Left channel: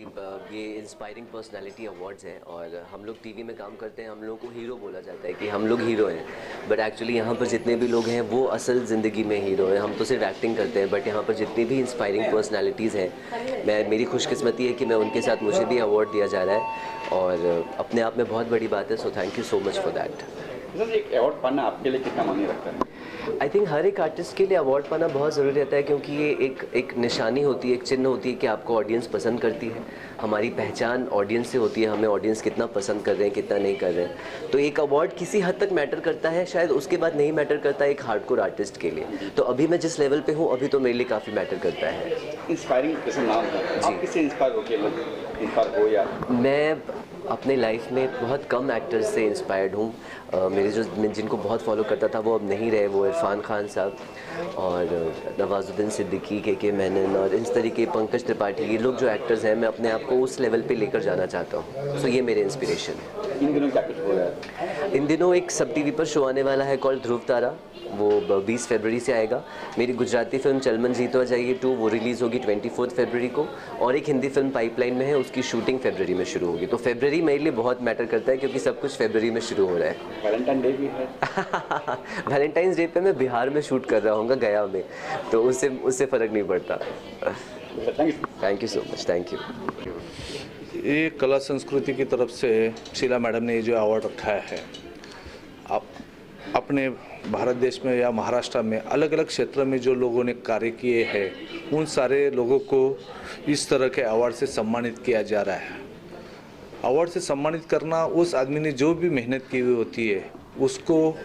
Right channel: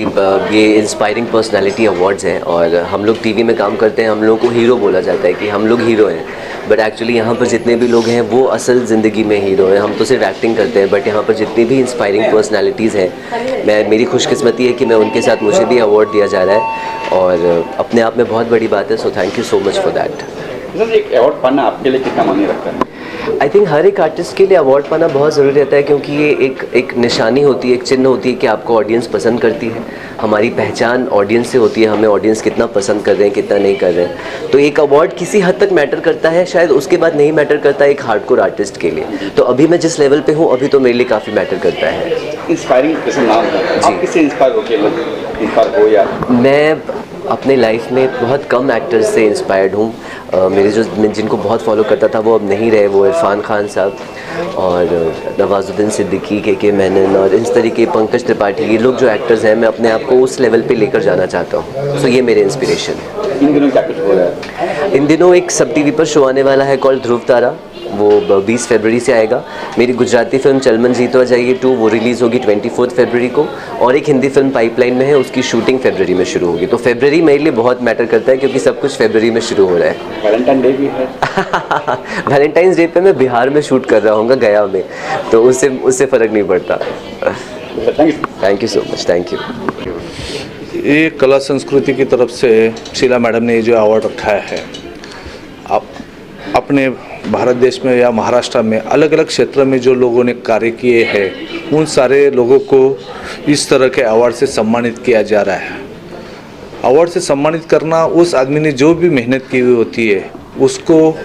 ये inspiring personality awards हैं और हम लोग टीवी में काम करते हैं, हम लोगों को हीरो बोला जाता है कि हम लोग हीरो हैं, बट एक्चुअली यहाँ पर जितने भी लोग हैं वो असल ज़िंदगी में हीरो हैं। हम तो सिर्फ एक्टिंग करते हैं, बट यहाँ पर जितनी भी इंस्पायरिंग पर्सनालिटीज़ हैं, मेरी खुशकिस्मती है कि मैं उनके साथ, मुझे भी अवार्ड दिया जा रहा है और अपने आप में बहुत बड़ी बात है। So thank you so much for that. Sir, एक अवार्ड पाना आपके लिए कितना मायने रखता है? आई थिंक हर एक आर्टिस्ट के लिए अवार्ड पाना बहुत ज़रूरी रहता है, क्योंकि ये एक निशानी होती है, एक चिन्ह होती है कि आपको ऑडियंस पसंद करती है। हमारी पहचान ऑडियंस से होती है, हमें ऑडियंस कितना पसंद कर रहे हैं, कितना नहीं कर रहे हैं। तो एक अवार्ड किसी हद तक मैटर करता है, शायद उसके बाद नहीं मैटर करता एक हार्डकोर आर्टिस्ट के लिए। तो अभी मैं जिस लेवल पे हूँ, अभी तो मेरे लिए काफ़ी मैटर करता है। इंस्पायरिंग जैसे नाम है, आप किससे इंस्पायर हो या? मैं अपने लाइफ में बहुत कम एक्टर्स से इंस्पायर्ड हूँ। मेरे मैं जिनको बहुत फॉलो करता था वो अब नहीं रहे, वो इरफान खान साहब और नवाजुद्दीन सिद्दीकी, के मेनन और इस तरीके, पंकज त्रिपाठी, ये लोग जो एक्टर्स हैं, मैं अपने आप को उस लेवल पे लेकर जाना चाहता हूँ। सो ये मेरे इंस्पिरेशन है। इन दिनों क्या कुछ हो रहा है? इन दिनों एक सब टीवी पर शो आने वाला है कॉल्ड ध्रुव तारा, वो 20 फरवरी से आएगा। मेरी गुजराती फिल्म चलमन जीतवा जाइए 2, वो रिलीज़ होगी 24 फरवरी को, और एक हिंदी फिल्म पाइपलाइन में है, उसकी शूटिंग फरवरी में शुरू होगी। तो फरवरी मेरे लिए बहुत मैटर करता है, क्योंकि सब कुछ फरवरी में शुरू हो रहा है। वैलेंटाइन डे भी है। वैलेंटाइंस डे पे मैं बिहार में शूट कर रहा हूँ, गया में, तो उससे फ़र्क नहीं पड़ता। Thank you so much. Thank you. ये कला संस्कृति की तरफ से शीला मैडम ने ये जो अवार्ड रखा है, आप अपने भारत देश में या महाराष्ट्र में अलग अलग क्षेत्र में जो लोगों ने कार्य किए हैं, उन सारे लोगों को इस तरह के अवार्ड से सम्मानित किया जा रहा है। अवार्ड से सम्मानित करना, उस आदमी ने जो भी मेहनत की हुई होती है उसको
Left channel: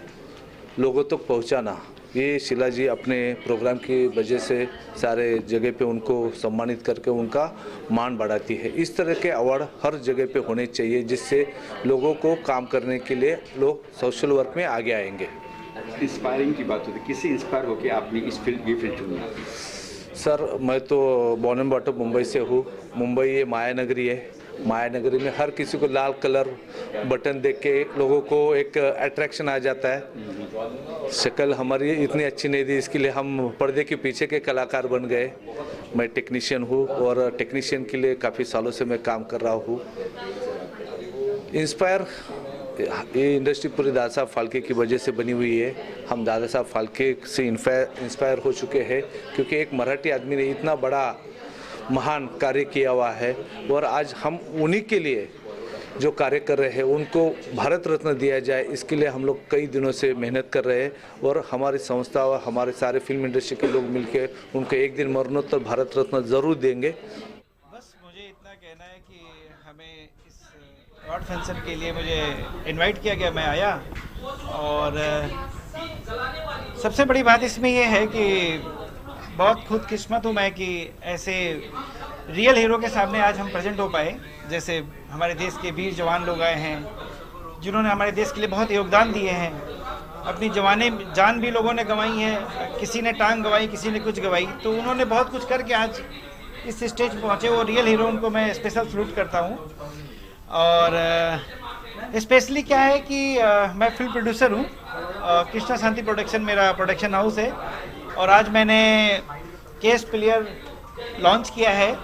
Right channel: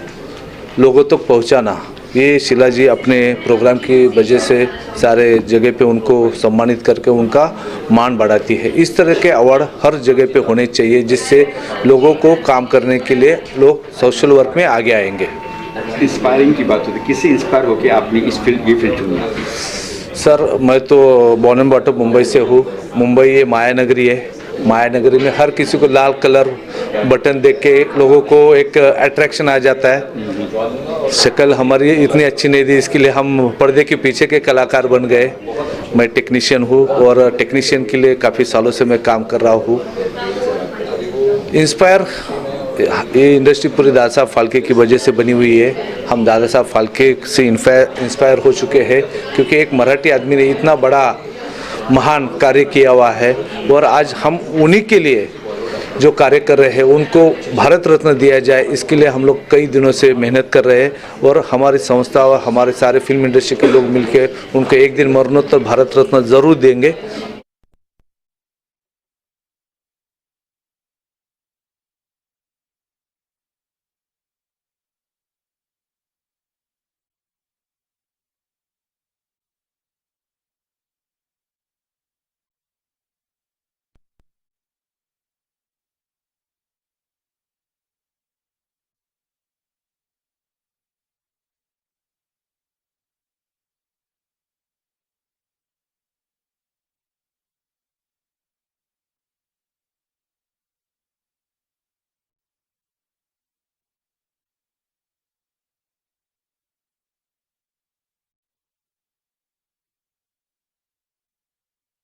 लोगों तक पहुंचाना, ये शीला जी अपने प्रोग्राम की वजह से सारे जगह पे उनको सम्मानित करके उनका मान बढ़ाती है। इस तरह के अवार्ड हर जगह पे होने चाहिए, जिससे लोगों को काम करने के लिए लोग सोशल वर्क में आगे आएंगे। इंस्पायरिंग की बात होती है, किससे इंस्पायर होकर आपने ये फील्ड चुनी? सर, मैं तो बॉर्न एंड बॉटअप मुंबई से हूँ। मुंबई ये माया नगरी है। माया नगरी में हर किसी को लाल कलर बटन देख के लोगों को एक अट्रैक्शन आ जाता है। शक्ल हमारी इतनी अच्छी नहीं थी, इसके लिए हम पर्दे के पीछे के कलाकार बन गए। मैं टेक्नीशियन हूँ और टेक्नीशियन के लिए काफ़ी सालों से मैं काम कर रहा हूँ। इंस्पायर, ये इंडस्ट्री पूरी दादा साहब फाल्के की वजह से बनी हुई है। हम दादा साहब फाल्के से इंस्पायर हो चुके हैं, क्योंकि एक मराठी आदमी ने इतना बड़ा महान कार्य किया हुआ है, और आज हम उन्हीं के लिए जो कार्य कर रहे हैं उनको भारत रत्न दिया जाए, इसके लिए हम लोग कई दिनों से मेहनत कर रहे हैं। और हमारी संस्था और हमारे सारे फिल्म इंडस्ट्री के लोग मिलकर उनको एक दिन मरणोत्तर भारत रत्न ज़रूर देंगे। बस मुझे इतना कहना है कि हमें इस अवार्ड फंक्शन के लिए मुझे इनवाइट किया गया, मैं आया। और सबसे बड़ी बात इसमें यह है कि बहुत खुदकिस्मत हूँ मैं कि ऐसे रियल हीरो के सामने आज हम प्रेजेंट हो पाए। जैसे हमारे देश के वीर जवान लोग आए हैं, जिन्होंने हमारे देश के लिए बहुत योगदान दिए हैं। अपनी जान भी लोगों ने गंवाई है, किसी ने टांग गंवाई, किसी ने कुछ गंवाई, तो उन्होंने बहुत कुछ करके आज इस स्टेज पर पहुँचे। वो रियल हीरो, उनको मैं स्पेशल सल्यूट करता हूँ। और स्पेशली क्या है कि मैं फिल्म प्रोड्यूसर हूँ, कृष्णा शांति प्रोडक्शन मेरा प्रोडक्शन हाउस है। और आज मैंने केस प्लेयर लॉन्च किया है,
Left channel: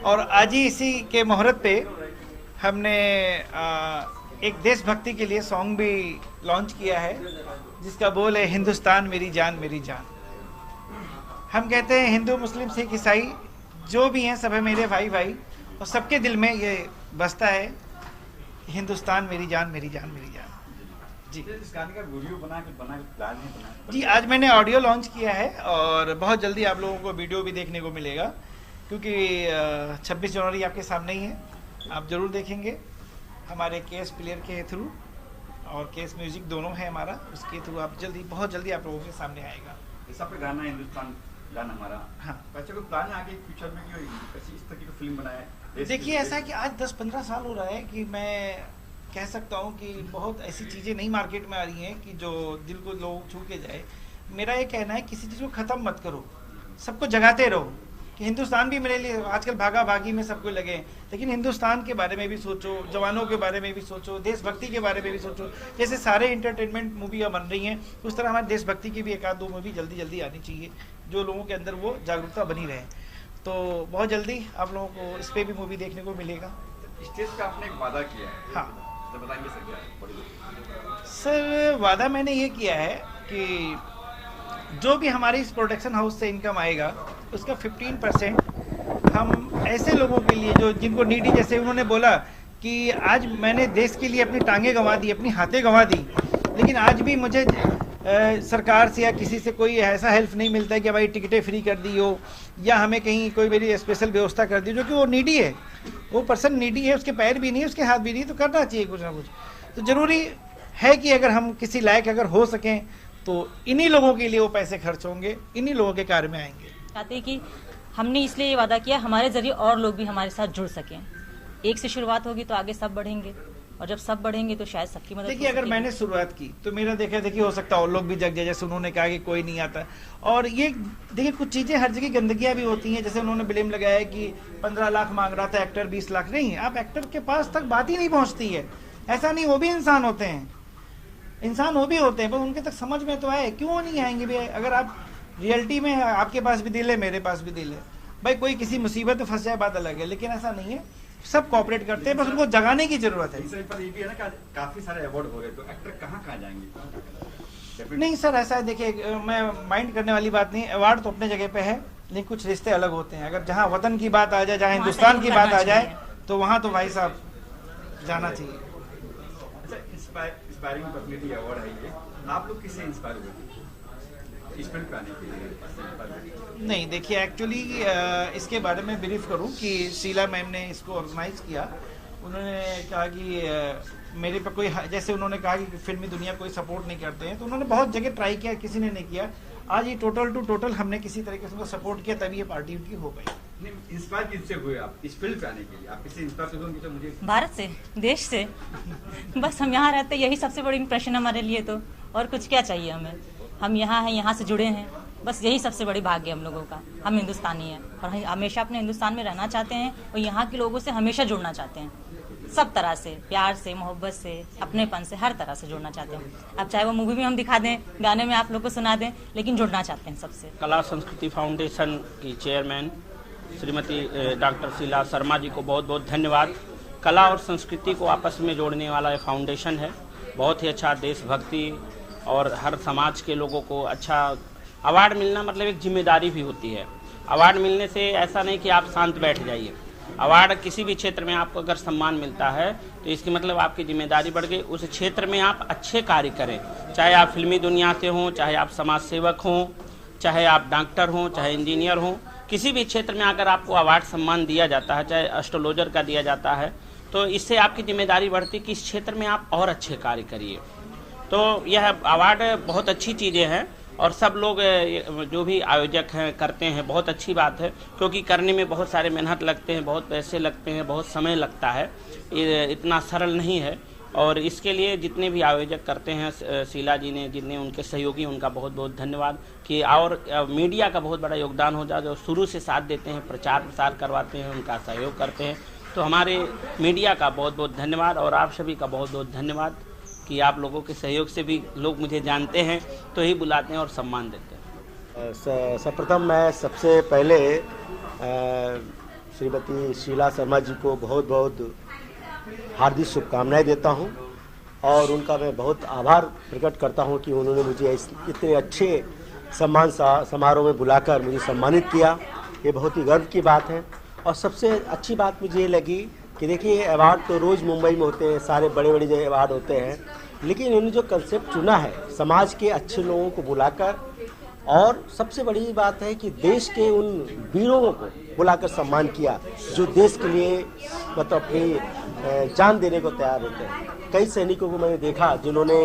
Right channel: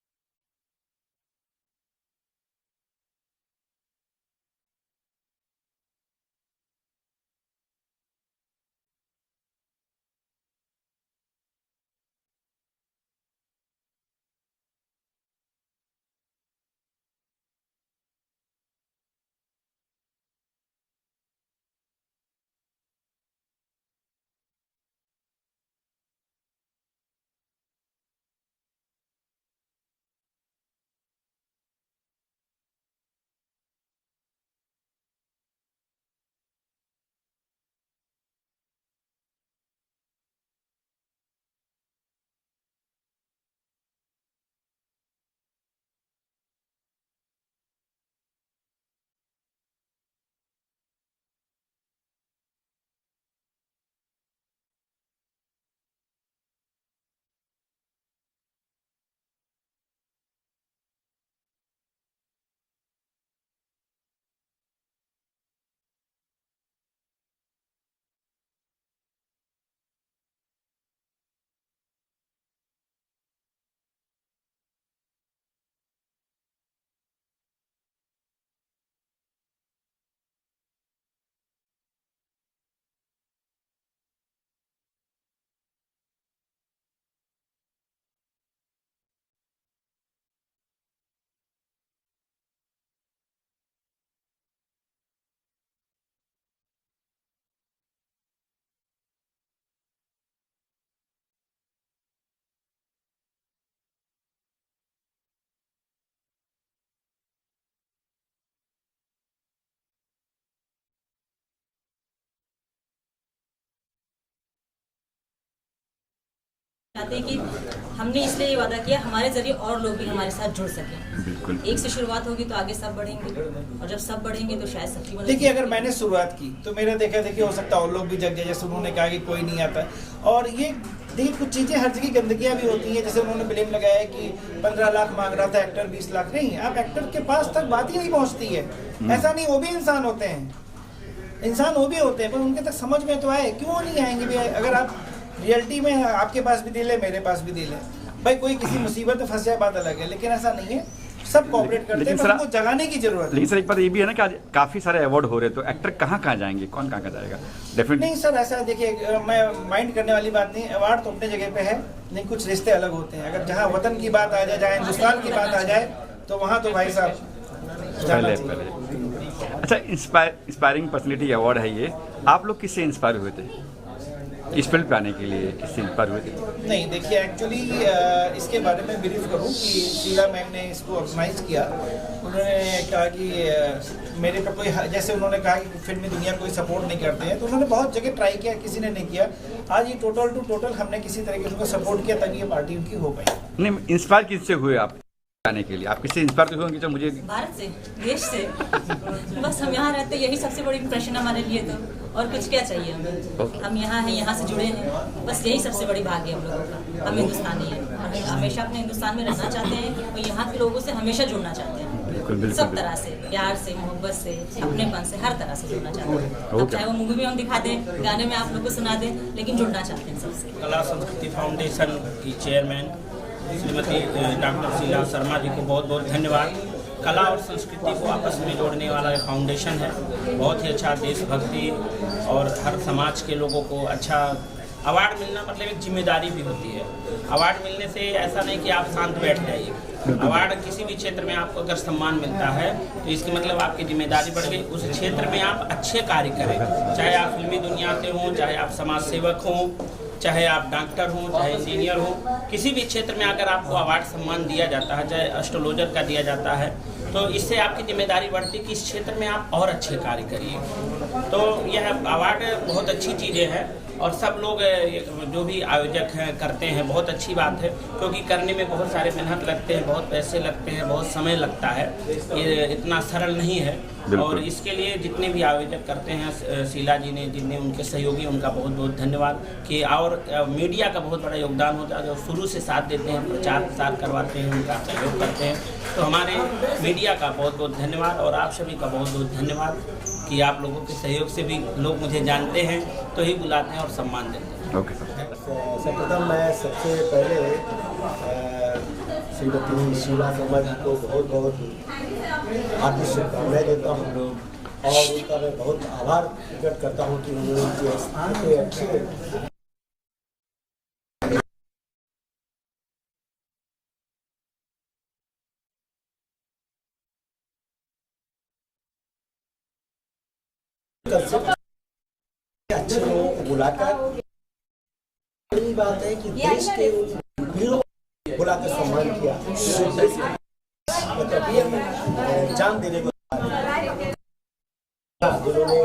और आज ही इसी के मुहूर्त पे हमने एक देशभक्ति के लिए सॉन्ग भी लॉन्च किया है, जिसका बोल है हिंदुस्तान मेरी जान मेरी जान। हम कहते हैं हिंदू मुस्लिम सिख ईसाई जो भी हैं सब है मेरे भाई भाई, और सबके दिल में ये बसता है हिंदुस्तान मेरी जान मेरी जान मेरी जान। जी, इस गाने का वीडियो बना के प्लान नहीं बना? जी, आज मैंने ऑडियो लॉन्च किया है, और बहुत जल्दी आप लोगों को वीडियो भी देखने को मिलेगा, क्योंकि 26 जनवरी आपके सामने ही है। आप ज़रूर देखेंगे हमारे केस प्लेयर के थ्रू, और केस म्यूजिक दोनों है हमारा, उसके थ्रू आप बहुत जल्दी आप लोगों के सामने आएगा। ऐसा पे गाना हिंदुस्तान गाना हमारा, हाँ, बच्चों को प्लान है आगे फ्यूचर में कि ऐसी इस तरह की फिल्म बनाए? देखिए, ऐसा है कि आज 10-15 साल हो रहा है कि मैं कह सकता हूँ कि बहुत ऐसी चीज़ें नई मार्केट में आ रही हैं कि जो दिल को लोग छू के जाए। मेरा ये कहना है किसी चीज़ को ख़त्म मत करो, सबको जगाते रहो कि हिंदुस्तान भी मेरे लिए आजकल भागा भागी में सबको लगे, लेकिन हिंदुस्तान के बारे में भी सोचो, जवानों के बारे में भी सोचो, देशभक्ति के बारे में भी सोचो। जैसे सारे इंटरटेनमेंट मूवियाँ बन रही हैं, उस तरह हमारी देशभक्ति की भी एक आध दो मूवी जल्दी जल्दी आनी चाहिए, जो लोगों के अंदर वो जागरूकता बनी रहे। तो बहुत जल्दी आप लोगों को इस पर भी मूवी देखने को मिलेगा। स्टेज पे आपने एक वादा किया है, हाँ तो बताएंगे सर क्या है? सर, वादा मैंने ये किया है कि जो भी हमारे इस प्रोडक्शन हाउस से इनकम आएगा उसका 15% हम ऐसे लोगों के लिए जो जिनको नीडी, जैसे उन्होंने बोला कि आज मैंने देश के लिए अपनी टांगें गंवा दी, अपनी हाथें गंवा दी, लेकिन आज भी मुझे सरकार से या किसी से कोई ऐसा हेल्प नहीं मिलता है कि भाई टिकटें फ्री कर दी हो या हमें कहीं कोई मेरी स्पेशल व्यवस्था कर दी, जो कि वो नीडी है, वो पर्सन नीडी है, उसके पैर भी नहीं, उसके हाथ भी नहीं, तो करना चाहिए कुछ ना कुछ। तो ज़रूरी है कि अगर हम किसी लायक अगर हो सकें तो इन्हीं लोगों के लिए वो पैसे खर्च होंगे, इन्हीं लोगों के कार्य में आएंगे। चाहते हैं कि हमने इसलिए ये वादा किया हमारे जरिए और लोग भी हमारे साथ जुड़ सकें। एक से शुरुआत होगी तो आगे सब बढ़ेंगे, और जब सब बढ़ेंगे तो शायद सबकी मदद। देखिए, अगर मैंने शुरुआत की तो मेरा देखा देखिए हो सकता है और लोग भी जग जाए, जैसे उन्होंने कहा कि कोई नहीं आता। और ये देखिए कुछ चीज़ें हर जगह गंदगियाँ भी होती हैं, जैसे उन्होंने ब्लेम लगाया है कि 15 लाख मांग रहा था एक्टर, 20 लाख नहीं। आप एक्टर के पास तक बात ही नहीं पहुँचती है। ऐसा नहीं, वो भी इंसान होते हैं, इंसान वो भी होते हैं, पर उनके तक समझ में तो आए, क्यों नहीं आएंगे भैया? अगर आप रियलिटी में, आपके पास भी दिल है, मेरे पास भी दिल है, भाई कोई किसी मुसीबत में फंस जाए बात अलग है, लेकिन ऐसा नहीं है, सब कोऑपरेट करते हैं, पर उनको जगाने की जरूरत है। लेकिन सर एक बात ये भी है ना कि आज काफी सारे अवार्ड हो रहे हैं, तो एक्टर कहाँ जाएंगे, कौन कहाँ जाएगा? डेफिनेटली नहीं सर, ऐसा है, देखिए मैं माइंड करने वाली बात नहीं, अवार्ड तो अपने जगह पे है, लेकिन कुछ रिश्ते अलग होते हैं। अगर जहाँ वतन की बात आ जाए, जहाँ हिंदुस्तान की बात आ जाए, तो वहाँ तो भाई साहब जाना चाहिए। अच्छा, इंस्पायरिंग पर्सनैलिटी अवार्ड है ये, आप लोग किससे इंस्पायर हुए थे इस फिल्म पे आने के लिए? किससे इंस्पायर हुए थे? नहीं, देखिए एक्चुअली इसके बारे में ब्रीफ करूं कि शीला मैम ने इसको ऑर्गेनाइज किया। उन्होंने कहा कि मेरे पर कोई, जैसे उन्होंने कहा कि फिल्मी दुनिया कोई सपोर्ट नहीं करते हैं, तो उन्होंने बहुत जगह ट्राई किया, किसी ने नहीं किया। आज ये टोटल टू टोटल हमने किसी तरह के उनको सपोर्ट किया, तभी ये पार्टी उनकी हो गई। नहीं, इंस्पायर किससे हुए आप इस फिल्म पे आने के लिए? आप किससे इंस्पायर हुए जो मुझे? भारत से, देश से। बस हम यहाँ रहते, यही सबसे बड़ी इंप्रेशन हमारे लिए, तो और कुछ क्या चाहिए हमें? हम यहाँ हैं, यहाँ से जुड़े हैं, बस यही सबसे बड़ी भाग्य हम लोगों का। हम हिंदुस्तानी हैं, हम हमेशा अपने हिंदुस्तान में रहना चाहते हैं और यहाँ के लोगों से हमेशा जुड़ना चाहते हैं, सब तरह से, प्यार से, मोहब्बत से, अपनेपन से, हर तरह से जुड़ना चाहते हैं। अब चाहे वो मूवी भी हम दिखा दें, गाने में आप लोग को सुना दें, लेकिन जुड़ना चाहते हैं सबसे। कला संस्कृति फाउंडेशन की चेयरमैन श्रीमती डॉक्टर शीला शर्मा जी को बहुत बहुत धन्यवाद। कला और संस्कृति को आपस में जोड़ने वाला एक फाउंडेशन है, बहुत ही अच्छा, देशभक्ति और हर समाज के लोगों को अच्छा अवार्ड मिलना मतलब एक जिम्मेदारी भी होती है। अवार्ड मिलने से ऐसा नहीं कि आप शांत बैठ जाइए। अवार्ड किसी भी क्षेत्र में आपको अगर सम्मान मिलता है तो इसकी मतलब आपकी जिम्मेदारी बढ़ गई, उस क्षेत्र में आप अच्छे कार्य करें, चाहे आप फिल्मी दुनिया से हों, चाहे आप समाज सेवक हों, चाहे आप डॉक्टर हों, चाहे इंजीनियर हों, किसी भी क्षेत्र में अगर आपको अवार्ड सम्मान दिया जाता है, चाहे एस्ट्रोलॉजर का दिया जाता है, तो इससे आपकी जिम्मेदारी बढ़ती है कि इस क्षेत्र में आप और अच्छे कार्य करिए। तो यह अवार्ड बहुत अच्छी चीज़ें हैं और सब लोग जो भी आयोजक हैं करते हैं, बहुत अच्छी बात है, क्योंकि करने में बहुत सारे मेहनत लगते हैं, बहुत पैसे लगते हैं, बहुत समय लगता है, ये इतना सरल नहीं है। और इसके लिए जितने भी आयोजक करते हैं, शीला जी ने, जितने उनके सहयोगी, उनका बहुत बहुत धन्यवाद। कि और मीडिया का बहुत बड़ा योगदान होता है, जो शुरू से साथ देते हैं, प्रचार प्रसार करवाते हैं, उनका सहयोग करते हैं। तो हमारे मीडिया का बहुत बहुत धन्यवाद और आप सभी का बहुत बहुत धन्यवाद कि आप लोगों के सहयोग से भी लोग मुझे जानते हैं, तो ही बुलाते हैं और सम्मान देते हैं। Okay sir. सर्वप्रथम मैं सबसे पहले श्रीमती शीला शर्मा जी को बहुत बहुत हार्दिक शुभकामनाएं देता हूं और उनका मैं बहुत आभार प्रकट करता हूं कि उन्होंने मुझे इतने अच्छे सम्मान समारोह में बुलाकर मुझे सम्मानित किया। ये बहुत ही गर्व की बात है। और सबसे अच्छी बात मुझे ये लगी कि देखिए, अवार्ड तो रोज़ मुंबई में होते हैं, सारे बड़े बड़े जगह अवार्ड होते हैं, लेकिन इन्होंने जो कंसेप्ट चुना है समाज के अच्छे लोगों को बुलाकर, और सबसे बड़ी बात है कि देश के उन वीरों को बुलाकर सम्मान किया जो देश के लिए मतलब अपनी जान देने को तैयार है। कई सैनिकों को मैंने देखा जिन्होंने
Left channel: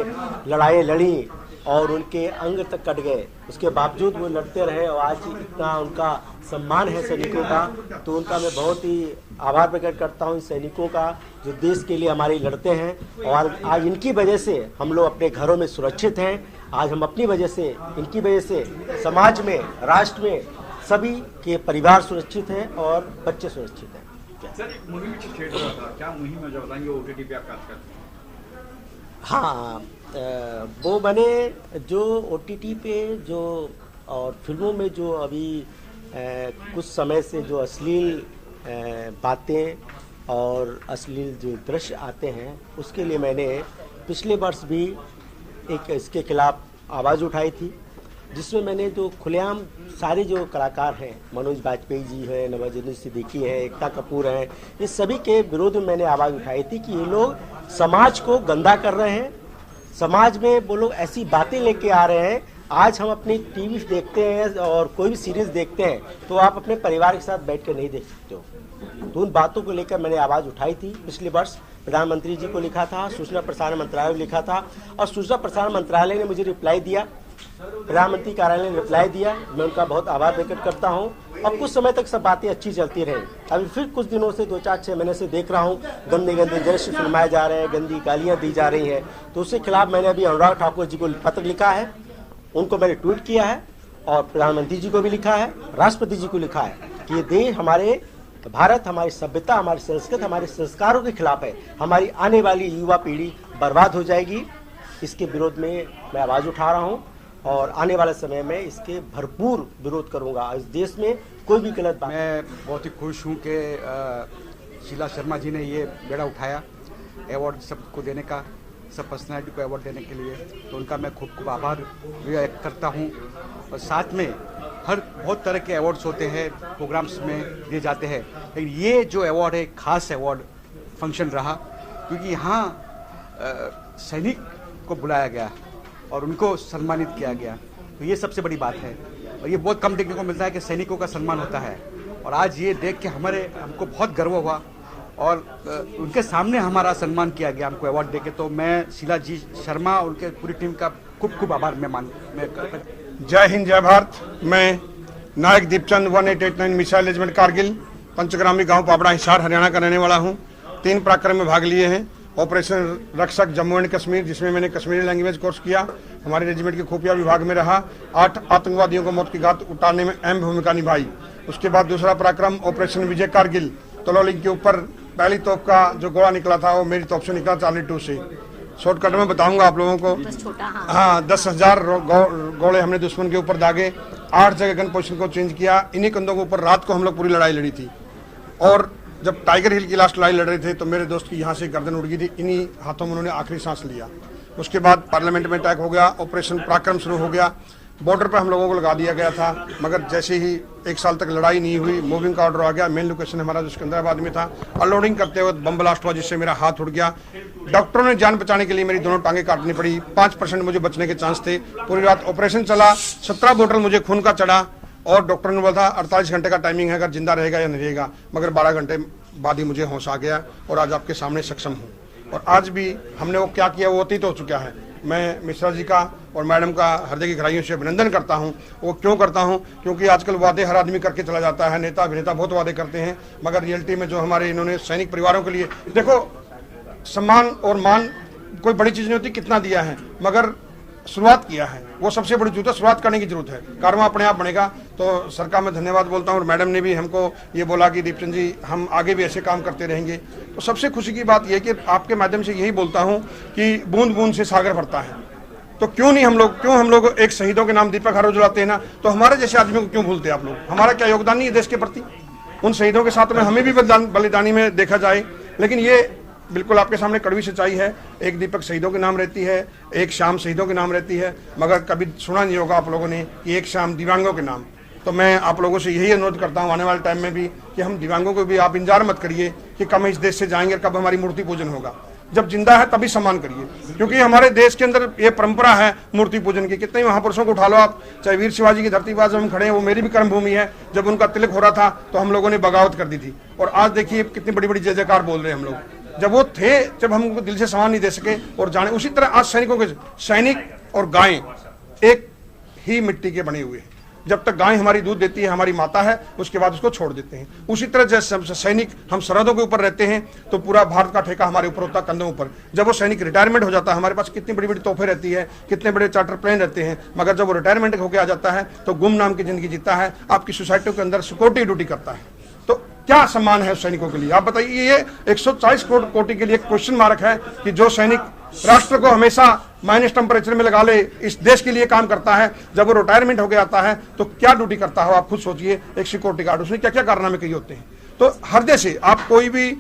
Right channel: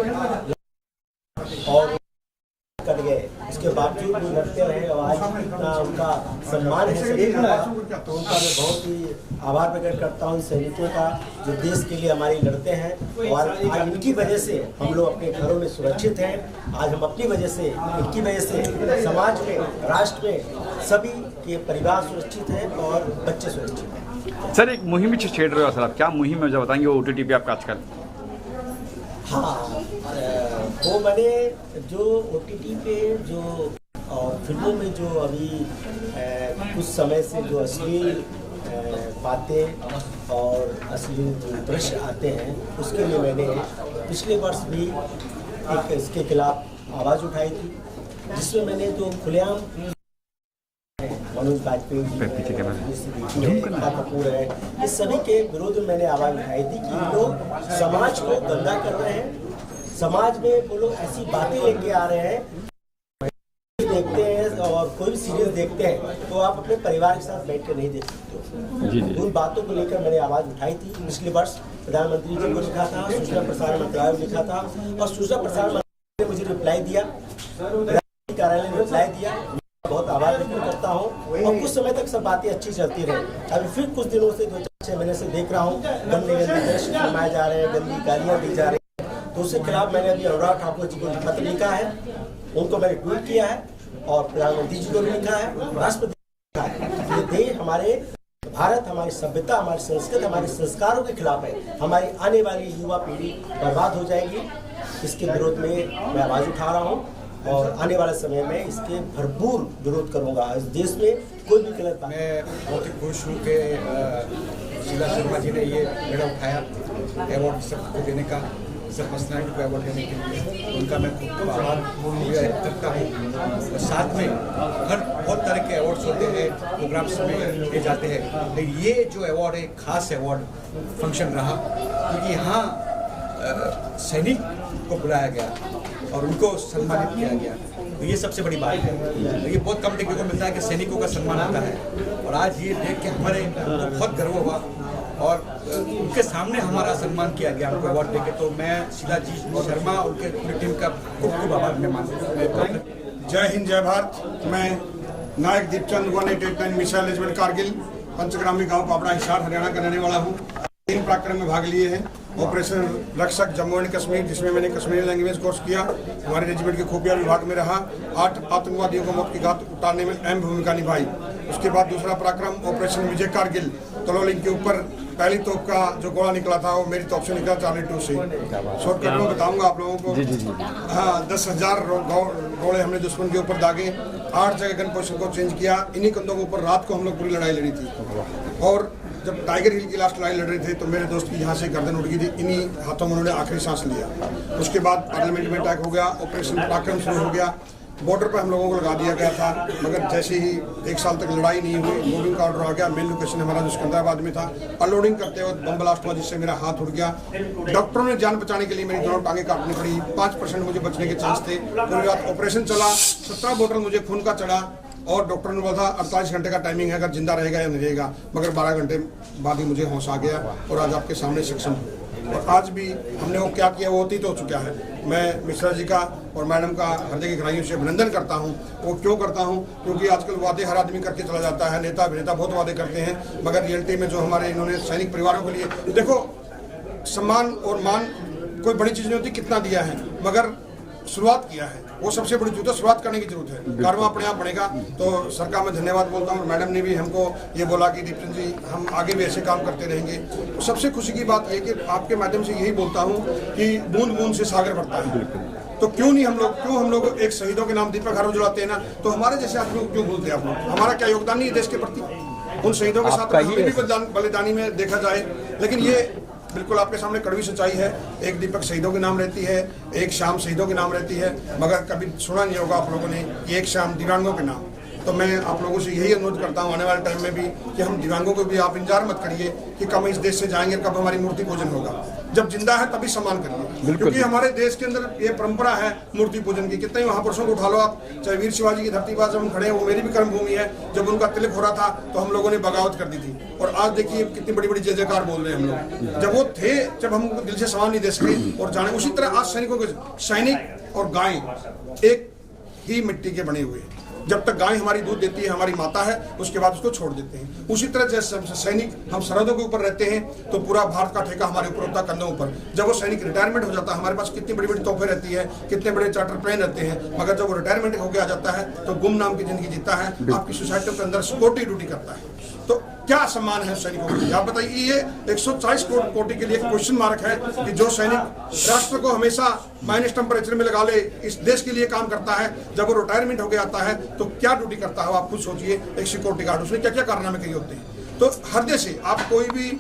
लड़ाई लड़ी और उनके अंग तक कट गए, उसके बावजूद वो लड़ते रहे और आज इतना उनका सम्मान है सैनिकों का, तो उनका मैं बहुत ही आभार प्रकट करता हूँ सैनिकों का जो देश के लिए हमारे लड़ते हैं। और आज इनकी वजह से हम लोग अपने घरों में सुरक्षित हैं। आज हम अपनी वजह से, इनकी वजह से समाज में, राष्ट्र में सभी के परिवार सुरक्षित हैं और बच्चे सुरक्षित हैं। सर, एक मुहिम छेड़ रहे हो सर आप, क्या मुहिम है जो बताएंगे वो OTT पे आपका आजकल? हाँ, वो मैंने जो OTT पे जो और फिल्मों में जो अभी कुछ समय से जो अश्लील बातें और अश्लील जो दृश्य आते हैं, उसके लिए मैंने पिछले वर्ष भी एक इसके खिलाफ आवाज़ उठाई थी, जिसमें मैंने जो खुलेआम सारे जो कलाकार हैं, मनोज बाजपेयी जी हैं, नवाजुद्दीन सिद्दीकी है, एकता कपूर है, ये सभी के विरोध में मैंने आवाज़ उठाई थी कि ये लोग समाज को गंदा कर रहे हैं, समाज में वो लोग ऐसी बातें लेके आ रहे हैं। आज हम अपनी टीवी देखते हैं और कोई भी सीरीज देखते हैं तो आप अपने परिवार के साथ बैठ कर नहीं देख सकते हो। तो उन बातों को लेकर मैंने आवाज़ उठाई थी। पिछले वर्ष प्रधानमंत्री जी को लिखा था, सूचना प्रसारण मंत्रालय को लिखा था और सूचना प्रसारण मंत्रालय ने मुझे रिप्लाई दिया, प्रधानमंत्री कार्यालय ने रिप्लाई दिया। मैं उनका बहुत आभार व्यक्त करता हूँ और कुछ समय तक सब बातें अच्छी चलती रही। अभी फिर कुछ दिनों से 2-4-6 महीने से देख रहा हूँ गंदे गंदे दृश्य फिल्माए जा रहे हैं, गंदी गालियाँ दी जा रही हैं। तो उसके खिलाफ मैंने अभी अनुराग ठाकुर जी को पत्र लिखा है, उनको मैंने ट्वीट किया है और प्रधानमंत्री जी को भी लिखा है, राष्ट्रपति जी को लिखा है कि ये देश हमारे भारत हमारी सभ्यता, हमारी संस्कृति, हमारे संस्कारों के खिलाफ है। हमारी आने वाली युवा पीढ़ी बर्बाद हो जाएगी। इसके विरोध में मैं आवाज़ उठा रहा हूँ और आने वाले समय में इसके भरपूर विरोध करूँगा। इस देश में कोई भी गलत बात। मैं बहुत ही खुश हूँ कि शीला शर्मा जी ने ये बेड़ा उठाया अवार्ड सबको देने का, सब पर्सनैलिटी को अवार्ड देने के लिए। उनका मैं खुद को आभार व्यक्त करता हूँ। और साथ में हर बहुत तरह के अवार्ड्स होते हैं, प्रोग्राम्स में दिए जाते हैं, लेकिन ये जो अवार्ड है खास अवार्ड फंक्शन रहा, क्योंकि यहाँ सैनिक को बुलाया गया और उनको सम्मानित किया गया। तो ये सबसे बड़ी बात है। तो ये बहुत कम देखने को मिलता है कि सैनिकों का सम्मान होता है और आज ये देख के हमारे को बहुत गर्व हुआ और उनके सामने हमारा सम्मान किया गया उनको अवार्ड देके। तो मैं शीला जी शर्मा और उनके पूरी टीम का खूब खूब आभार मैं मानता हूँ। जय हिंद, जय भारत। मैं नायक दीपचंद 1889 मिसाइल रेजिमेंट कारगिल, पंचग्रामी गांव पापड़ा, हिसार, हरियाणा का रहने वाला हूं। 3 पराक्रम में भाग लिए हैं। ऑपरेशन रक्षक जम्मू एंड कश्मीर, जिसमें मैंने कश्मीरी लैंग्वेज कोर्स किया, हमारे रेजिमेंट के खुफिया विभाग में रहा। 8 आतंकवादियों को मौत की घात उतारने में अहम भूमिका निभाई। उसके बाद दूसरा पराक्रम ऑपरेशन विजय कारगिल, तलोलिंग के ऊपर पहली तोप का जो गोला निकला था वो मेरी तोप से निकला, चार्ली 2 से। शॉर्टकट में बताऊंगा आप लोगों को। हाँ, 10,000 गोले हमने दुश्मन के ऊपर दागे। 8 जगह गन पोजिशन को चेंज किया। इन्हीं कंधों के ऊपर रात को हम लोग पूरी लड़ाई लड़ी थी। और जब टाइगर हिल की लास्ट लड़ाई लड़ रहे थे तो मेरे दोस्त की यहाँ से गर्दन उड़ गई थी। इन्हीं हाथों में उन्होंने आखिरी सांस लिया। उसके बाद पार्लियामेंट में अटैक हो गया, ऑपरेशन पराक्रम शुरू हो गया। बॉर्डर पर हम लोगों को लगा दिया गया था, मगर जैसे ही 1 साल तक लड़ाई नहीं हुई, मूविंग का ऑर्डर आ गया। मेन लोकेशन हमारा जो सिकंदराबाद में था। अनलोडिंग करते वक्त बम ब्लास्ट हुआ, जिससे मेरा हाथ उड़ गया। डॉक्टरों ने जान बचाने के लिए मेरी दोनों टांगे काटनी पड़ी। 5% मुझे बचने के चांस थे। पूरी रात ऑपरेशन चला। 17 बोतल मुझे खून का चढ़ा और डॉक्टर ने बोला 48 घंटे का टाइमिंग है, अगर जिंदा रहेगा या नहीं रहेगा। मगर 12 घंटे बाद ही मुझे होश आ गया और आज आपके सामने सक्षम हूँ। और आज भी हमने वो क्या किया वो अतीत हो चुका है। मैं मिश्रा जी का और मैडम का हृदय की गहराइयों से अभिनंदन करता हूँ। वो क्यों करता हूँ? क्योंकि आजकल वादे हर आदमी करके चला जाता है। नेता अभिनेता बहुत वादे करते हैं, मगर रियलिटी में जो हमारे इन्होंने सैनिक परिवारों के लिए, देखो, सम्मान और मान कोई बड़ी चीज़ नहीं होती, कितना दिया है, मगर शुरुआत किया है, वो सबसे बड़ी जरूरत है। शुरुआत करने की जरूरत है, कर्मा अपने आप बनेगा। तो सरकार में धन्यवाद बोलता हूँ। और मैडम ने भी हमको ये बोला कि दीपचंद जी हम आगे भी ऐसे काम करते रहेंगे। तो सबसे खुशी की बात यह कि आपके माध्यम से यही बोलता हूँ कि बूंद बूंद से सागर बढ़ता है। तो क्यों हम लोग एक शहीदों के नाम दीपक हर रोज जलाते हैं ना, तो हमारे जैसे आदमियों को क्यों भूलते हैं आप लोग? हमारा क्या योगदान नहीं है देश के प्रति? उन शहीदों के साथ में हमें भी बलिदानी में देखा जाए। लेकिन ये बिल्कुल आपके सामने कड़वी सच्चाई है। एक दीपक शहीदों के नाम रहती है, एक शाम शहीदों के नाम रहती है, मगर कभी सुना नहीं होगा आप लोगों ने कि एक शाम दिव्यांगों के नाम। तो मैं आप लोगों से यही अनुरोध करता हूँ आने वाले टाइम में भी कि हम दिव्यांगों को भी आप इंतजार मत करिए कि कब इस देश से जाएंगे, कब हमारी मूर्ति पूजन होगा। जब जिंदा है तभी सम्मान करिए, क्योंकि हमारे देश के अंदर ये परंपरा है मूर्ति पूजन की। कितने महापुरुषों को उठा लो आप, चाहे वीर शिवाजी की धरती पर हम खड़े हैं, वो मेरी भी कर्म भूमि है। जब उनका तिलक हो रहा था तो हम लोगों ने बगावत कर दी थी, और आज देखिए कितनी बड़ी बड़ी जय जयकार बोल रहे हैं हम लोग। जब वो थे, जब हम उनको दिल से सम्मान नहीं दे सके और जाने, उसी तरह आज सैनिकों के, सैनिक और गाय एक ही मिट्टी के बने हुए हैं। जब तक गाय हमारी दूध देती है, हमारी माता है, उसके बाद उसको छोड़ देते हैं। उसी तरह जैसे सैनिक हम सरहदों के ऊपर रहते हैं तो पूरा भारत का ठेका हमारे ऊपर होता है, कंधों ऊपर। जब वो सैनिक रिटायरमेंट हो जाता है, हमारे पास कितनी बड़ी बड़ी तोहफे रहती है, कितने बड़े चार्टर प्लेन रहते हैं, मगर जब वो रिटायरमेंट होकर आ जाता है तो गुम नाम की जिंदगी जीता है, आपकी सोसाइटी के अंदर सिक्योरिटी ड्यूटी करता है। तो क्या सम्मान है उस सैनिकों के लिए? आप बताइए। ये 140 कोटि के लिए क्वेश्चन मार्क है कि जो सैनिक राष्ट्र को हमेशा माइनस टेम्परेचर में लगा ले, इस देश के लिए काम करता है, जब वो रिटायरमेंट हो गया आता है तो क्या ड्यूटी करता है आप खुद सोचिए। एक सिक्योरिटी गार्ड, उसमें क्या क्या कारनामे किए होते हैं। तो हृदय से आप कोई भी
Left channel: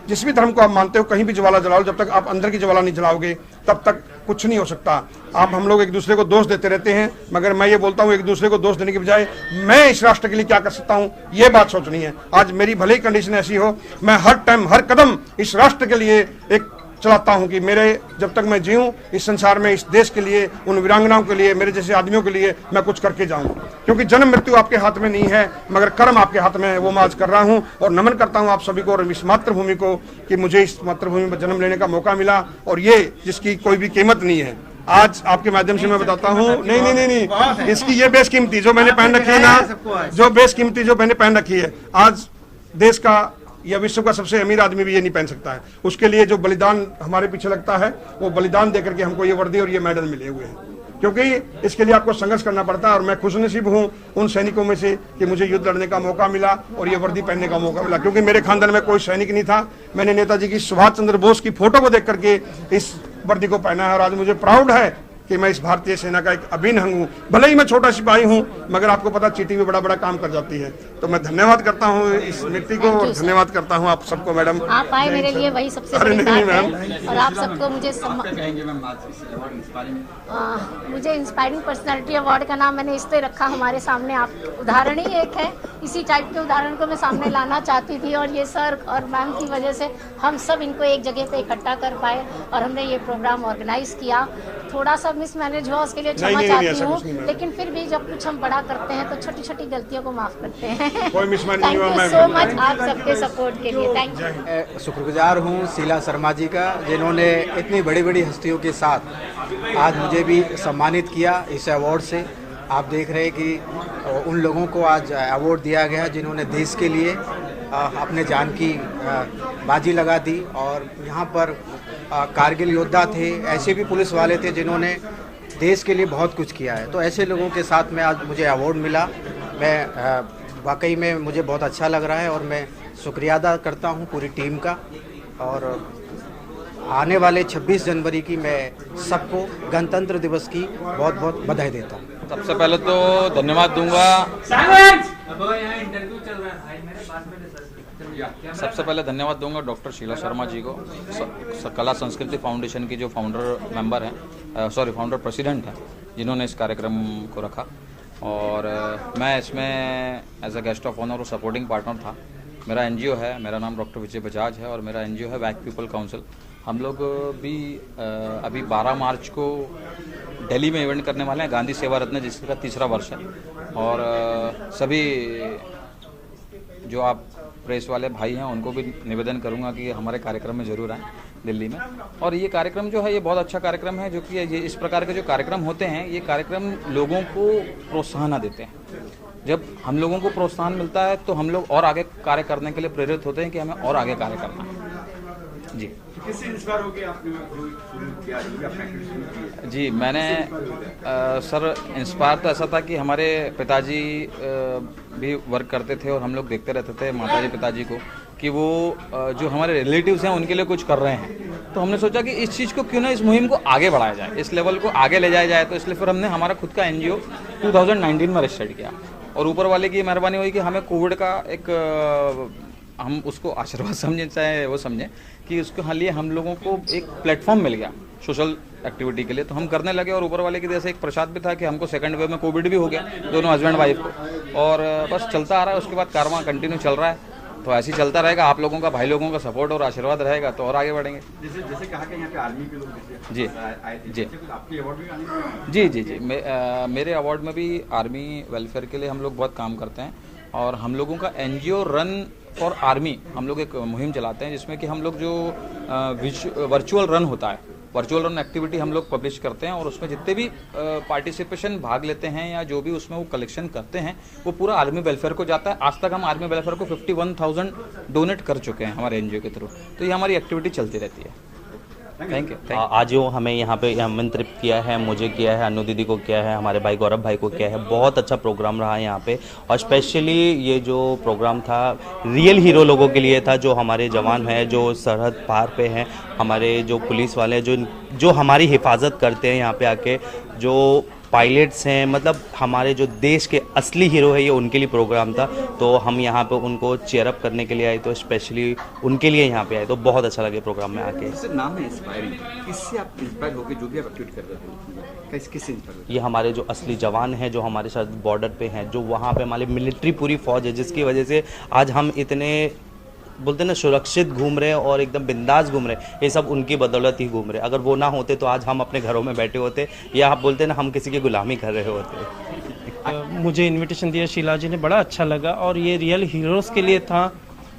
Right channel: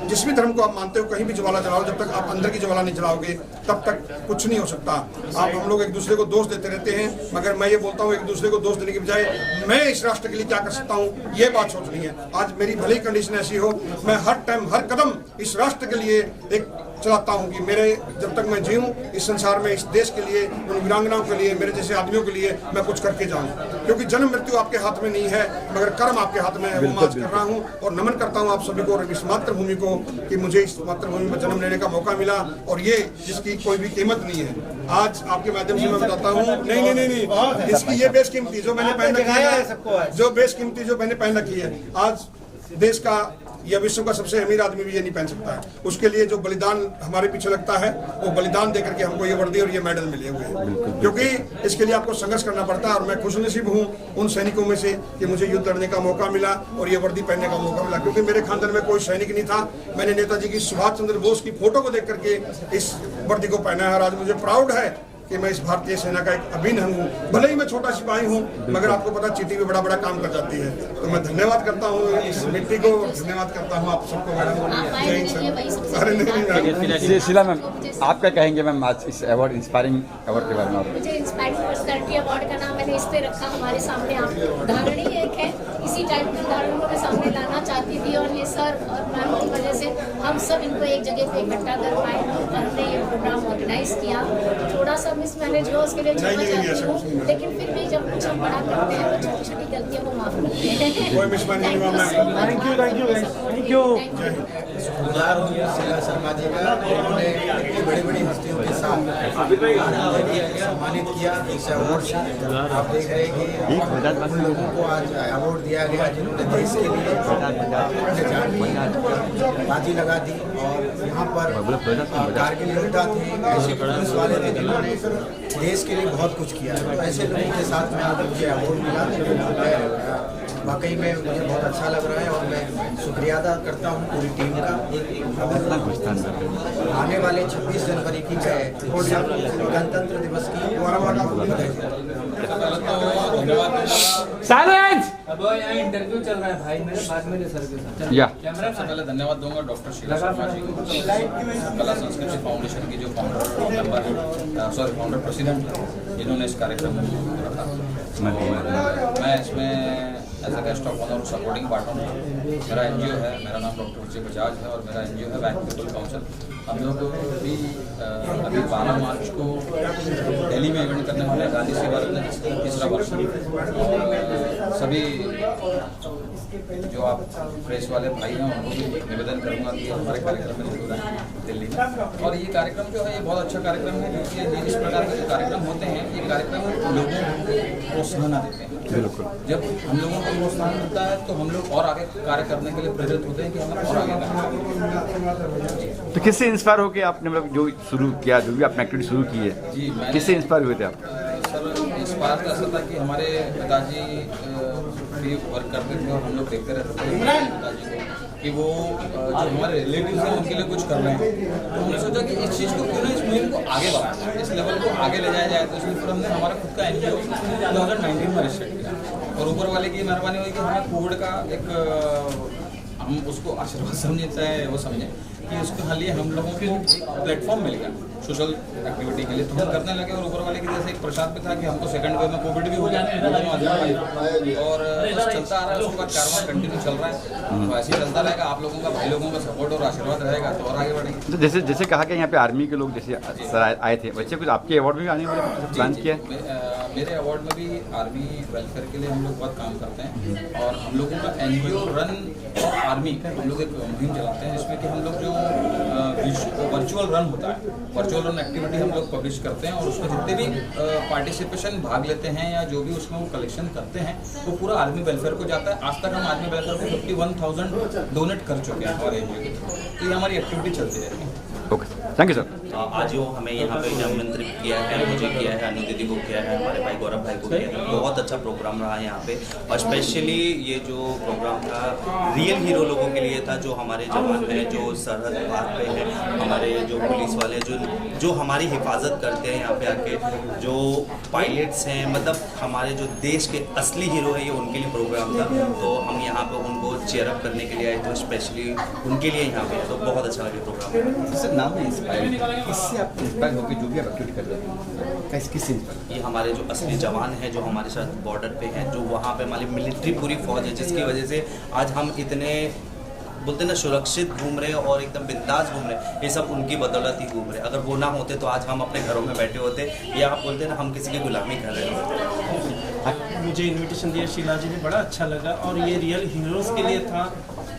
जिस भी धर्म को आप मानते हो कहीं भी ज्वाला जलाओ, जब तक आप अंदर की ज्वाला नहीं जलाओगे तब तक कुछ नहीं हो सकता। आप हम लोग एक दूसरे को दोष देते रहते हैं, मगर मैं ये बोलता हूँ एक दूसरे को दोष देने के बजाय मैं इस राष्ट्र के लिए क्या कर सकता हूँ, ये बात सोचनी है। आज मेरी भले ही कंडीशन ऐसी हो, मैं हर टाइम हर कदम इस राष्ट्र के लिए एक चलाता हूं कि मेरे जब तक मैं जीऊं इस संसार में, इस देश के लिए, उन वीरांगनाओं के लिए, मेरे जैसे आदमियों के लिए मैं कुछ करके जाऊं। क्योंकि जन्म मृत्यु आपके हाथ में नहीं है, मगर कर्म आपके हाथ में है, वो मैं आज कर रहा हूं। और नमन करता हूं आप सभी को और इस मातृभूमि को कि मुझे इस मातृभूमि में जन्म लेने का मौका मिला, और ये जिसकी कोई भी कीमत नहीं है। आज आपके माध्यम से मैं बताता हूँ, नहीं, इसकी ये बेशकीमती जो मैंने पहन रखी है ना, जो बेशकीमती जो मैंने पहन रखी है, आज देश का या विश्व का सबसे अमीर आदमी भी ये नहीं पहन सकता है। उसके लिए जो बलिदान हमारे पीछे लगता है, वो बलिदान देकर के हमको ये वर्दी और ये मेडल मिले हुए हैं। क्योंकि इसके लिए आपको संघर्ष करना पड़ता है, और मैं खुशनसीब हूँ उन सैनिकों में से कि मुझे युद्ध लड़ने का मौका मिला और ये वर्दी पहनने का मौका मिला। क्योंकि मेरे खानदान में कोई सैनिक नहीं था, मैंने नेताजी की सुभाष चंद्र बोस की फोटो को देख करके इस वर्दी को पहना है, और आज मुझे प्राउड है कि मैं इस भारतीय सेना का एक अभिन्न अंग हूँ। भले ही मैं छोटा सिपाही हूँ, मगर आपको पता चीटी भी बड़ा बड़ा काम कर जाती है। तो मैं धन्यवाद करता हूँ इस व्यक्ति को, धन्यवाद करता हूँ आप सबको। मैडम आप आए मेरे लिए वही सबसे बड़ी बात है। शीला मैम, आप क्या कहेंगे मैम आज इस अवार्ड, इंस्पायरिंग अवार्ड के बारे में? मुझे इंस्पायरिंग पर्सनालिटी अवार्ड का नाम मैंने इसलिए रखा, हमारे सामने आप उदाहरण ही एक है, इसी टाइप के उदाहरण को मैं सामने लाना चाहती थी, और ये सर और मैम की वजह से हम सब इनको एक जगह पे इकट्ठा कर पाए और हमने ये प्रोग्राम ऑर्गेनाइज किया। थोड़ा सा मिसमैनेज हुआ, उसके लिए क्षमा चाहती हूँ, लेकिन फिर भी जब कुछ हम बड़ा करते हैं तो छोटी छोटी गलतियों को माफ करते हैं। थैंक यू सो मच आप सबके सपोर्ट के लिए, थैंक यू। शुक्रगुजार हूँ शीला शर्मा जी का, जिन्होंने इतनी बड़ी बड़ी हस्तियों के साथ आज मुझे भी सम्मानित किया इस अवार्ड से। आप देख रहे हैं कि उन लोगों को आज अवार्ड दिया गया जिन्होंने देश के लिए अपने जान की बाजी लगा दी, और यहाँ पर कारगिल योद्धा थे, ऐसे भी पुलिस वाले थे जिन्होंने देश के लिए बहुत कुछ किया है। तो ऐसे लोगों के साथ में आज मुझे अवार्ड मिला, मैं वाकई में मुझे बहुत अच्छा लग रहा है, और मैं शुक्रिया अदा करता हूँ पूरी टीम का। और आने वाले 26 जनवरी की मैं सबको गणतंत्र दिवस की बहुत बहुत बधाई देता हूँ। सबसे पहले तो धन्यवाद दूंगा, सबसे पहले धन्यवाद दूंगा डॉक्टर शीला शर्मा जी को, कला संस्कृति फाउंडेशन की जो फाउंडर मेंबर हैं, फाउंडर प्रेसिडेंट हैं, जिन्होंने इस कार्यक्रम को रखा। और मैं इसमें as a guest of honour supporting partner था। मेरा एनजीओ है, मेरा नाम डॉक्टर विजय बजाज है, और मेरा एनजीओ है वैक पीपल काउंसिल। हम लोग भी अभी 12 मार्च को दिल्ली में इवेंट करने वाले हैं, गांधी सेवा रत्न, जिसका 3रा वर्ष है। और सभी जो आप प्रेस वाले भाई हैं उनको भी निवेदन करूंगा कि हमारे कार्यक्रम में जरूर आएँ दिल्ली में। और ये कार्यक्रम जो है ये बहुत अच्छा कार्यक्रम है, जो कि ये इस प्रकार के जो कार्यक्रम होते हैं, ये कार्यक्रम लोगों को प्रोत्साहन देते हैं। बिल्कुल, जब हम लोगों को प्रोत्साहन मिलता है तो हम लोग और आगे कार्य करने के लिए प्रेरित होते हैं कि हमें और आगे कार्य करना है। जी, तो किससे इंस्पायर होकर आपने मतलब जो शुरू किया, जो भी आपने एक्टिविटी शुरू की है? जी, मैंने किससे इंस्पायर हुए थे आप? सर, इंस्पायर तो ऐसा था कि हमारे पिताजी भी वर्क करते थे, और हम लोग देखते रहते थे मेरे पिताजी को कि वो जो हमारे रिलेटिव्स हैं उनके लिए कुछ कर रहे हैं। तो हमने सोचा कि इस चीज़ को क्यों ना, इस मुहिम को आगे बढ़ाया जाए, इस लेवल को आगे ले जाया जाए। तो इसलिए फिर हमने हमारा खुद का एनजीओ 2019 में रजिस्टर्ड किया, और ऊपर वाले की मेहरबानी हुई कि हमें कोविड का एक, हम उसको आशीर्वाद समझें चाहे वो समझें, कि उसके लिए हम लोगों को एक प्लेटफॉर्म मिल गया सोशल एक्टिविटी के लिए, तो हम करने लगे। और ऊपर वाले की जैसे एक प्रसाद भी था कि हमको सेकंड वेव में कोविड भी हो गया, दोनों हस्बैंड वाइफ, और बस चलता आ रहा है। उसके बाद कारवां कंटिन्यू चल रहा है, तो ऐसे ही चलता रहेगा। आप लोगों का, भाई लोगों का सपोर्ट और आशीर्वाद रहेगा तो और आगे बढ़ेंगे। तो जैसे कहा कि यहाँ पे आर्मी के लोग जैसे जी आए थे, जैसे कुछ आपके अवार्ड भी आने वाले? जी, मेरे अवार्ड में भी आर्मी वेलफेयर के लिए हम लोग बहुत काम करते हैं, और हम लोगों का एनजीओ रन और आर्मी, हम लोग एक मुहिम चलाते हैं जिसमें कि हम लोग जो वर्चुअल रन होता है, वर्चुअल रन एक्टिविटी हम लोग पब्लिश करते हैं, और उसमें जितने भी पार्टिसिपेशन भाग लेते हैं या जो भी उसमें वो कलेक्शन करते हैं, वो पूरा आर्मी वेलफेयर को जाता है। आज तक हम आर्मी वेलफेयर को 51,000 डोनेट कर चुके हैं हमारे एनजीओ के थ्रू। तो ये हमारी एक्टिविटी चलती रहती है। ओके। Thank you sir. आज जो हमें यहाँ पे आमंत्रित किया है, मुझे किया है, अनु दीदी को किया है, हमारे भाई गौरव भाई को किया है, बहुत अच्छा प्रोग्राम रहा है यहाँ पे। और स्पेशली ये जो प्रोग्राम था रियल हीरो लोगों के लिए था, जो हमारे जवान हैं, जो सरहद पार पे हैं, हमारे जो पुलिस वाले जो हमारी हिफाजत करते हैं यहाँ पे आके, जो पायलट्स हैं, मतलब हमारे जो देश के असली हीरो है, ये उनके लिए प्रोग्राम था। तो हम यहाँ पे उनको चेयरअप करने के लिए आए, तो स्पेशली उनके लिए यहाँ पे आए, तो बहुत अच्छा लगे प्रोग्राम में आके। सर नाम है इंस्पायरिंग, इससे आप इंस्पायर होकर जो भी आप एक्टिविटी कर रहे हैं किससे इंस्पायर? ये हमारे जो असली जवान हैं, जो हमारे साथ बॉर्डर पे हैं, जो वहाँ पे हमारी मिलिट्री पूरी फौज है, जिसकी वजह से आज हम इतने बोलते हैं ना सुरक्षित घूम रहे हैं और एकदम बिंदास घूम रहे हैं, ये सब उनकी बदौलत ही घूम रहे हैं। अगर वो ना होते तो आज हम अपने घरों में बैठे होते, या आप बोलते हैं ना हम किसी की गुलामी कर रहे होते। मुझे इनविटेशन दिया शीला जी ने, बड़ा अच्छा लगा। और ये रियल हीरोज़ के लिए था,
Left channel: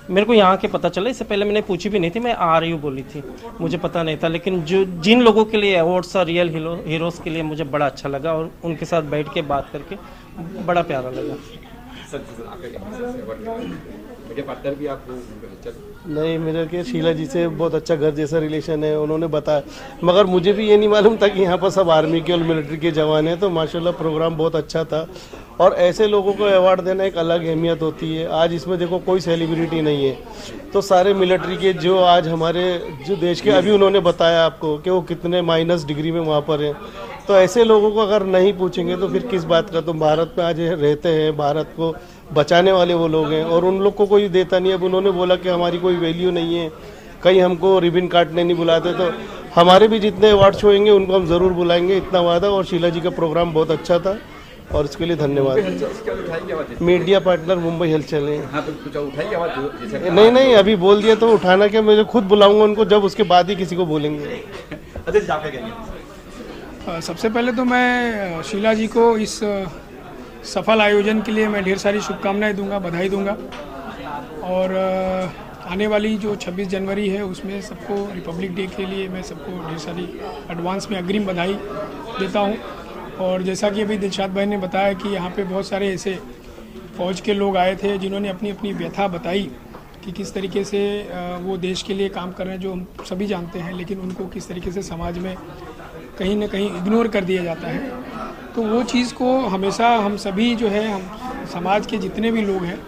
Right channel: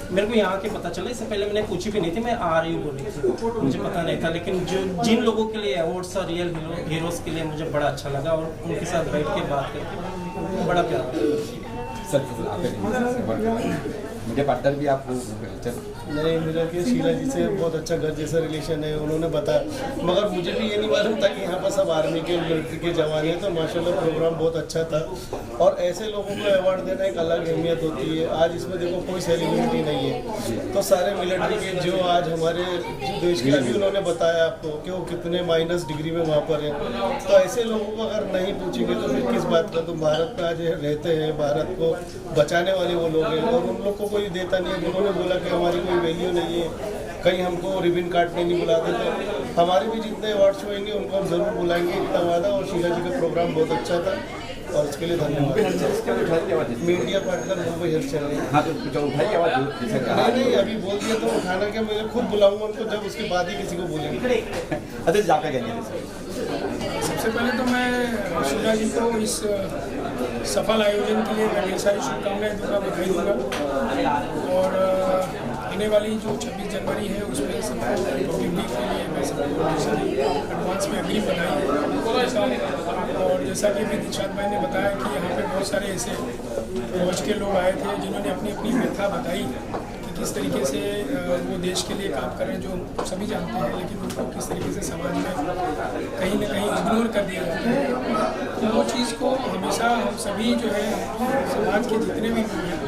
मेरे को यहाँ के पता चला, इससे पहले मैंने पूछी भी नहीं थी, मैं आ रही हूँ बोली थी, मुझे पता नहीं था। लेकिन जो जिन लोगों के लिए अवार्ड्स और रियल हीरोज़ के लिए मुझे बड़ा अच्छा लगा, और उनके साथ बैठ के बात करके बड़ा प्यारा लगा। सर मुझे पार्टनर भी आप नहीं, मेरा कि शीला जी से बहुत अच्छा घर जैसा रिलेशन है, उन्होंने बताया। मगर मुझे भी ये नहीं मालूम था कि यहाँ पर सब आर्मी के और मिलिट्री के जवान हैं। तो माशाल्लाह प्रोग्राम बहुत अच्छा था, और ऐसे लोगों को अवार्ड देना एक अलग अहमियत होती है। आज इसमें देखो कोई सेलिब्रिटी नहीं है, तो सारे मिलिट्री के जो आज हमारे जो देश के, अभी उन्होंने बताया आपको कि वो कितने माइनस डिग्री में वहाँ पर है, तो ऐसे लोगों को अगर नहीं पूछेंगे तो फिर किस बात का। तो भारत में आज रहते हैं, भारत को बचाने वाले वो लोग हैं, और उन लोग को कोई देता नहीं। अब उन्होंने बोला कि हमारी कोई वैल्यू नहीं है, कहीं हमको रिबन काटने नहीं बुलाते, तो हमारे भी जितने अवार्ड्स होंगे उनको हम ज़रूर बुलाएंगे, इतना वादा। और शीला जी का प्रोग्राम बहुत अच्छा था, और इसके लिए धन्यवाद। मीडिया पार्टनर मुंबई हलचल है। नहीं, अभी बोल दिया तो उठाना क्या, मैं खुद बुलाऊंगा उनको, जब उसके बाद ही किसी को बोलेंगे। सबसे पहले तो मैं शीला जी को इस सफल आयोजन के लिए मैं ढेर सारी शुभकामनाएं दूंगा, बधाई दूंगा। और आने वाली जो 26 जनवरी है उसमें सबको रिपब्लिक डे के लिए मैं सबको ढेर सारी एडवांस में अग्रिम बधाई देता हूँ। और जैसा कि अभी दिलशाद भाई ने बताया कि यहाँ पे बहुत सारे ऐसे फौज के लोग आए थे जिन्होंने अपनी अपनी व्यथा बताई कि किस तरीके से वो देश के लिए काम कर रहे हैं, जो हम सभी जानते हैं, लेकिन उनको किस तरीके से समाज में कहीं ना कहीं इग्नोर कर दिया जाता है। तो वो चीज़ को हमेशा हम सभी जो है समाज के जितने भी लोग हैं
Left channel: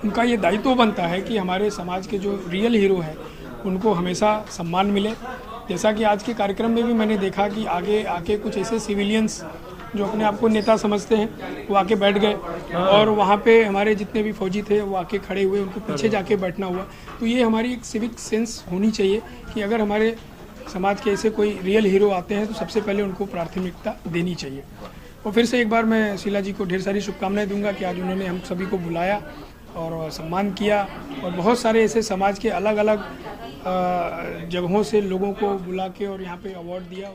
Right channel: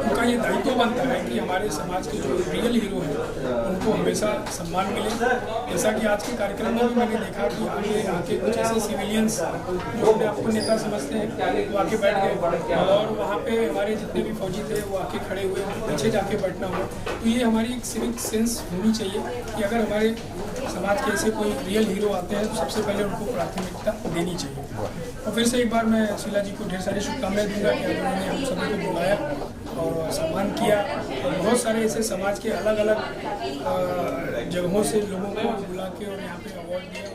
उनका ये दायित्व बनता है कि हमारे समाज के जो रियल हीरो हैं उनको हमेशा सम्मान मिले। जैसा कि आज के कार्यक्रम में भी मैंने देखा कि आगे आके कुछ ऐसे सिविलियंस जो अपने आप को नेता समझते हैं वो आके बैठ गए, और वहाँ पे हमारे जितने भी फौजी थे वो आके खड़े हुए, उनको पीछे जाके बैठना हुआ। तो ये हमारी एक सिविक सेंस होनी चाहिए कि अगर हमारे समाज के ऐसे कोई रियल हीरो आते हैं तो सबसे पहले उनको प्राथमिकता देनी चाहिए। तो फिर से एक बार मैं शीला जी को ढेर सारी शुभकामनाएं दूंगा कि आज उन्होंने हम सभी को बुलाया और सम्मान किया, और बहुत सारे ऐसे समाज के अलग अलग जगहों से लोगों को बुला के और यहाँ पे अवार्ड दिया।